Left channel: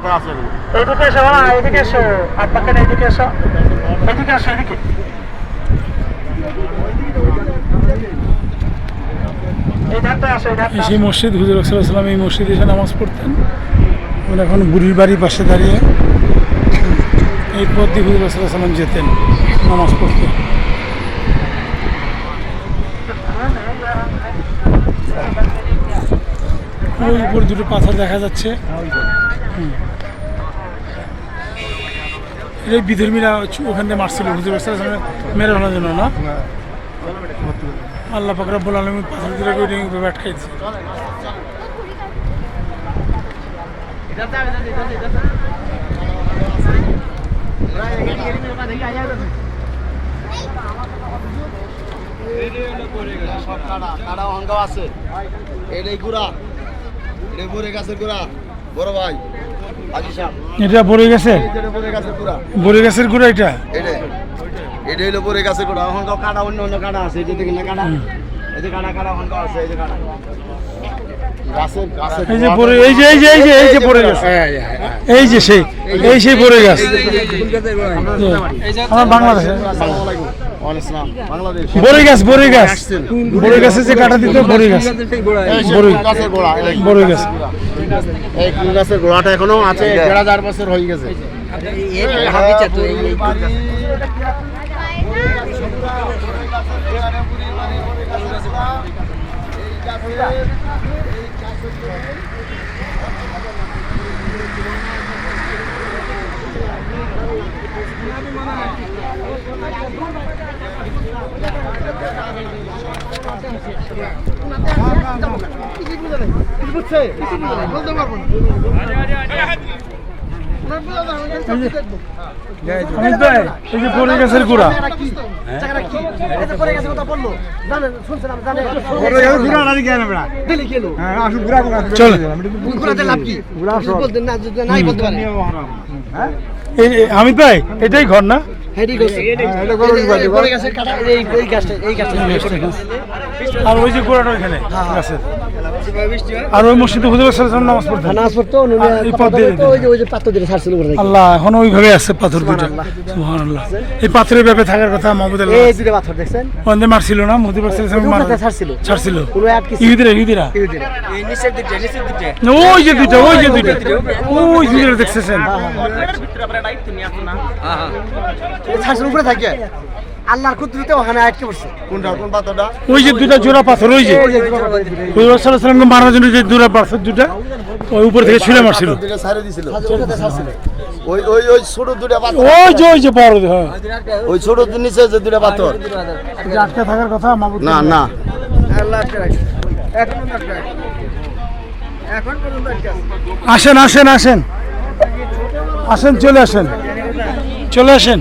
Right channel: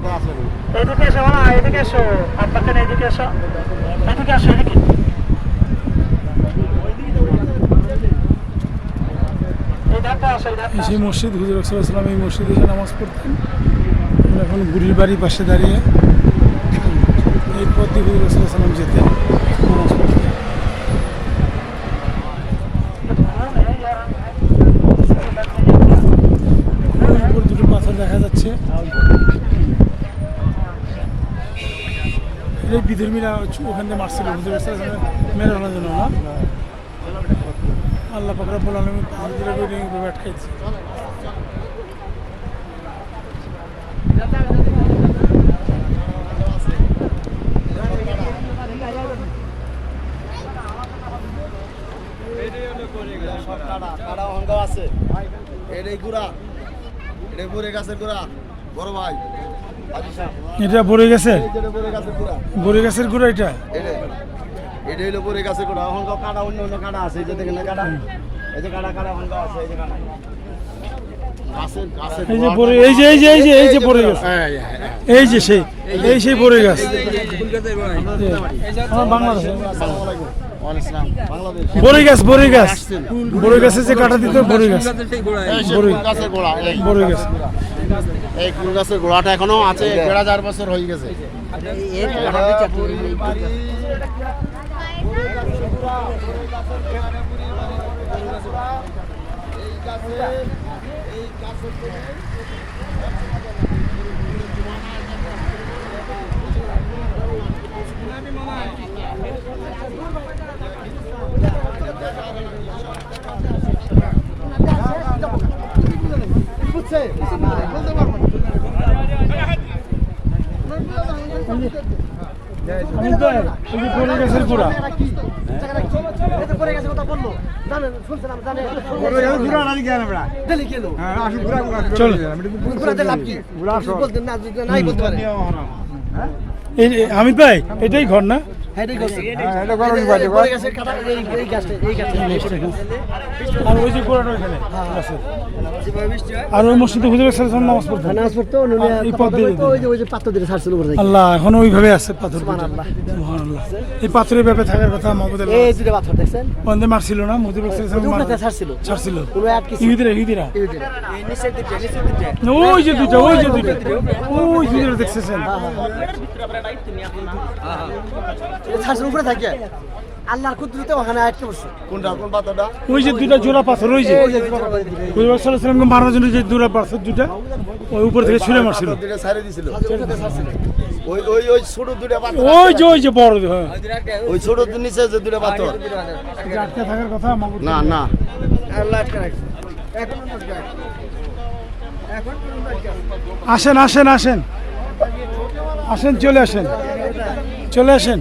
এইদিকে এসো না, এদিকে এসো, আর পাকেন এইদিকে এসো, এদিকে আসো, এদিকে। সেই মসজিদ হুজুর সাল্লাল্লাহু এই মসজিদে এসে নামাজ পড়তেন। আমরা এখন বুড়ির বাড়ির পাশে দাঁড়িয়ে এই পথ দিয়ে হুজুর সাল্লাল্লাহু যেতেন নামাজ পড়তে। ওই উপর দুটো পাথর দেখা যাচ্ছে। এই বিধর্মীরা ওখান থেকে মারছিল হুজুর সাল্লাল্লাহু মেরে ফেলার জন্য না। আল্লাহ পাক রব্বুল আলামিন পাথর দিয়ে করে আটকাইছে। এটা বড় গেছে, বড় গাছের গুড়া এটা। এটা হলো পরে গাছে গোড়া, এখন কাটা অন্য অন্য কাটা আছে, এই যে দেখেন না কাটা, এই যে কাটা কাটা এখন আছে, এই যে কাটা গাছের গাছের এই যে পরে এই যে এই যে এই যে এই যে পড়ে গেছে, এই যে সেই এই সেই পড়ে গেছে আমার বাংলাদেশে। আসসালামু আলাইকুম। ওয়ালাইকুম আসসালাম। বাংলাদেশ বড় গাছ, বড় গাছ, বড় গাছে যে কাটা দিতে বড় গাছ, বড় গাছের গোড়া, বড় গাছ। এই কুল গাছের গোড়াটা এখনো আছে, ১,৫০০ বছর হয়ে গেছে। অমিত ভাই, এই যে বড় গাছের গোড়া, চল অমিত ভাই এটাই ঘর না? আর ওই যে গোড়াটা ওইখানে গাছের, আর ওই মসজিদে হুজুর সাল্লাল্লাহু নামাজ পড়তেন। এই পথ দিয়ে আল্লাহ এখন ওইভাবে আছে পাথর দুটো। সুবহানাল্লাহ। এই পাথরের ব্যাপারে থাকার কথা মাহমুদ আল্লাহ ওখানে মারছিল না, মুহাম্মদ ছাড়ছিল ইহুদিরা। ওই যে দুইটা, ওই যে দুইটা, ওই দুইটা দেখতেছেন আল্লাহর কুদরতে ওখানে আটকে পড়ছে। কোনটা কোন পাথরটা? ওই যে দুইটা জোড়া পাথর, ওই যে হুজুর সাল্লাল্লাহু আলাইহি ওয়াসাল্লামকে মারার জন্য যে জোড়া পাথর দুটো ওই উপর থেকে ছুঁড়ে মারছিল। দুটো ছাড়ে দিছিল। ওই ওই ওই ছোট দুটো পাথর, ওই যে বড়, হ্যাঁ ওই ছোট নিচে যে দুটো পাথর আটকে থাকার কথা মাহমুদ। না না আল্লাহ আটকে রাখছে এখনো আটকে রাখছে, এখন পর্যন্ত আটকে আছে। আসেন আসেন আসেন আসেন, চলে আসেন, চলে আসেন।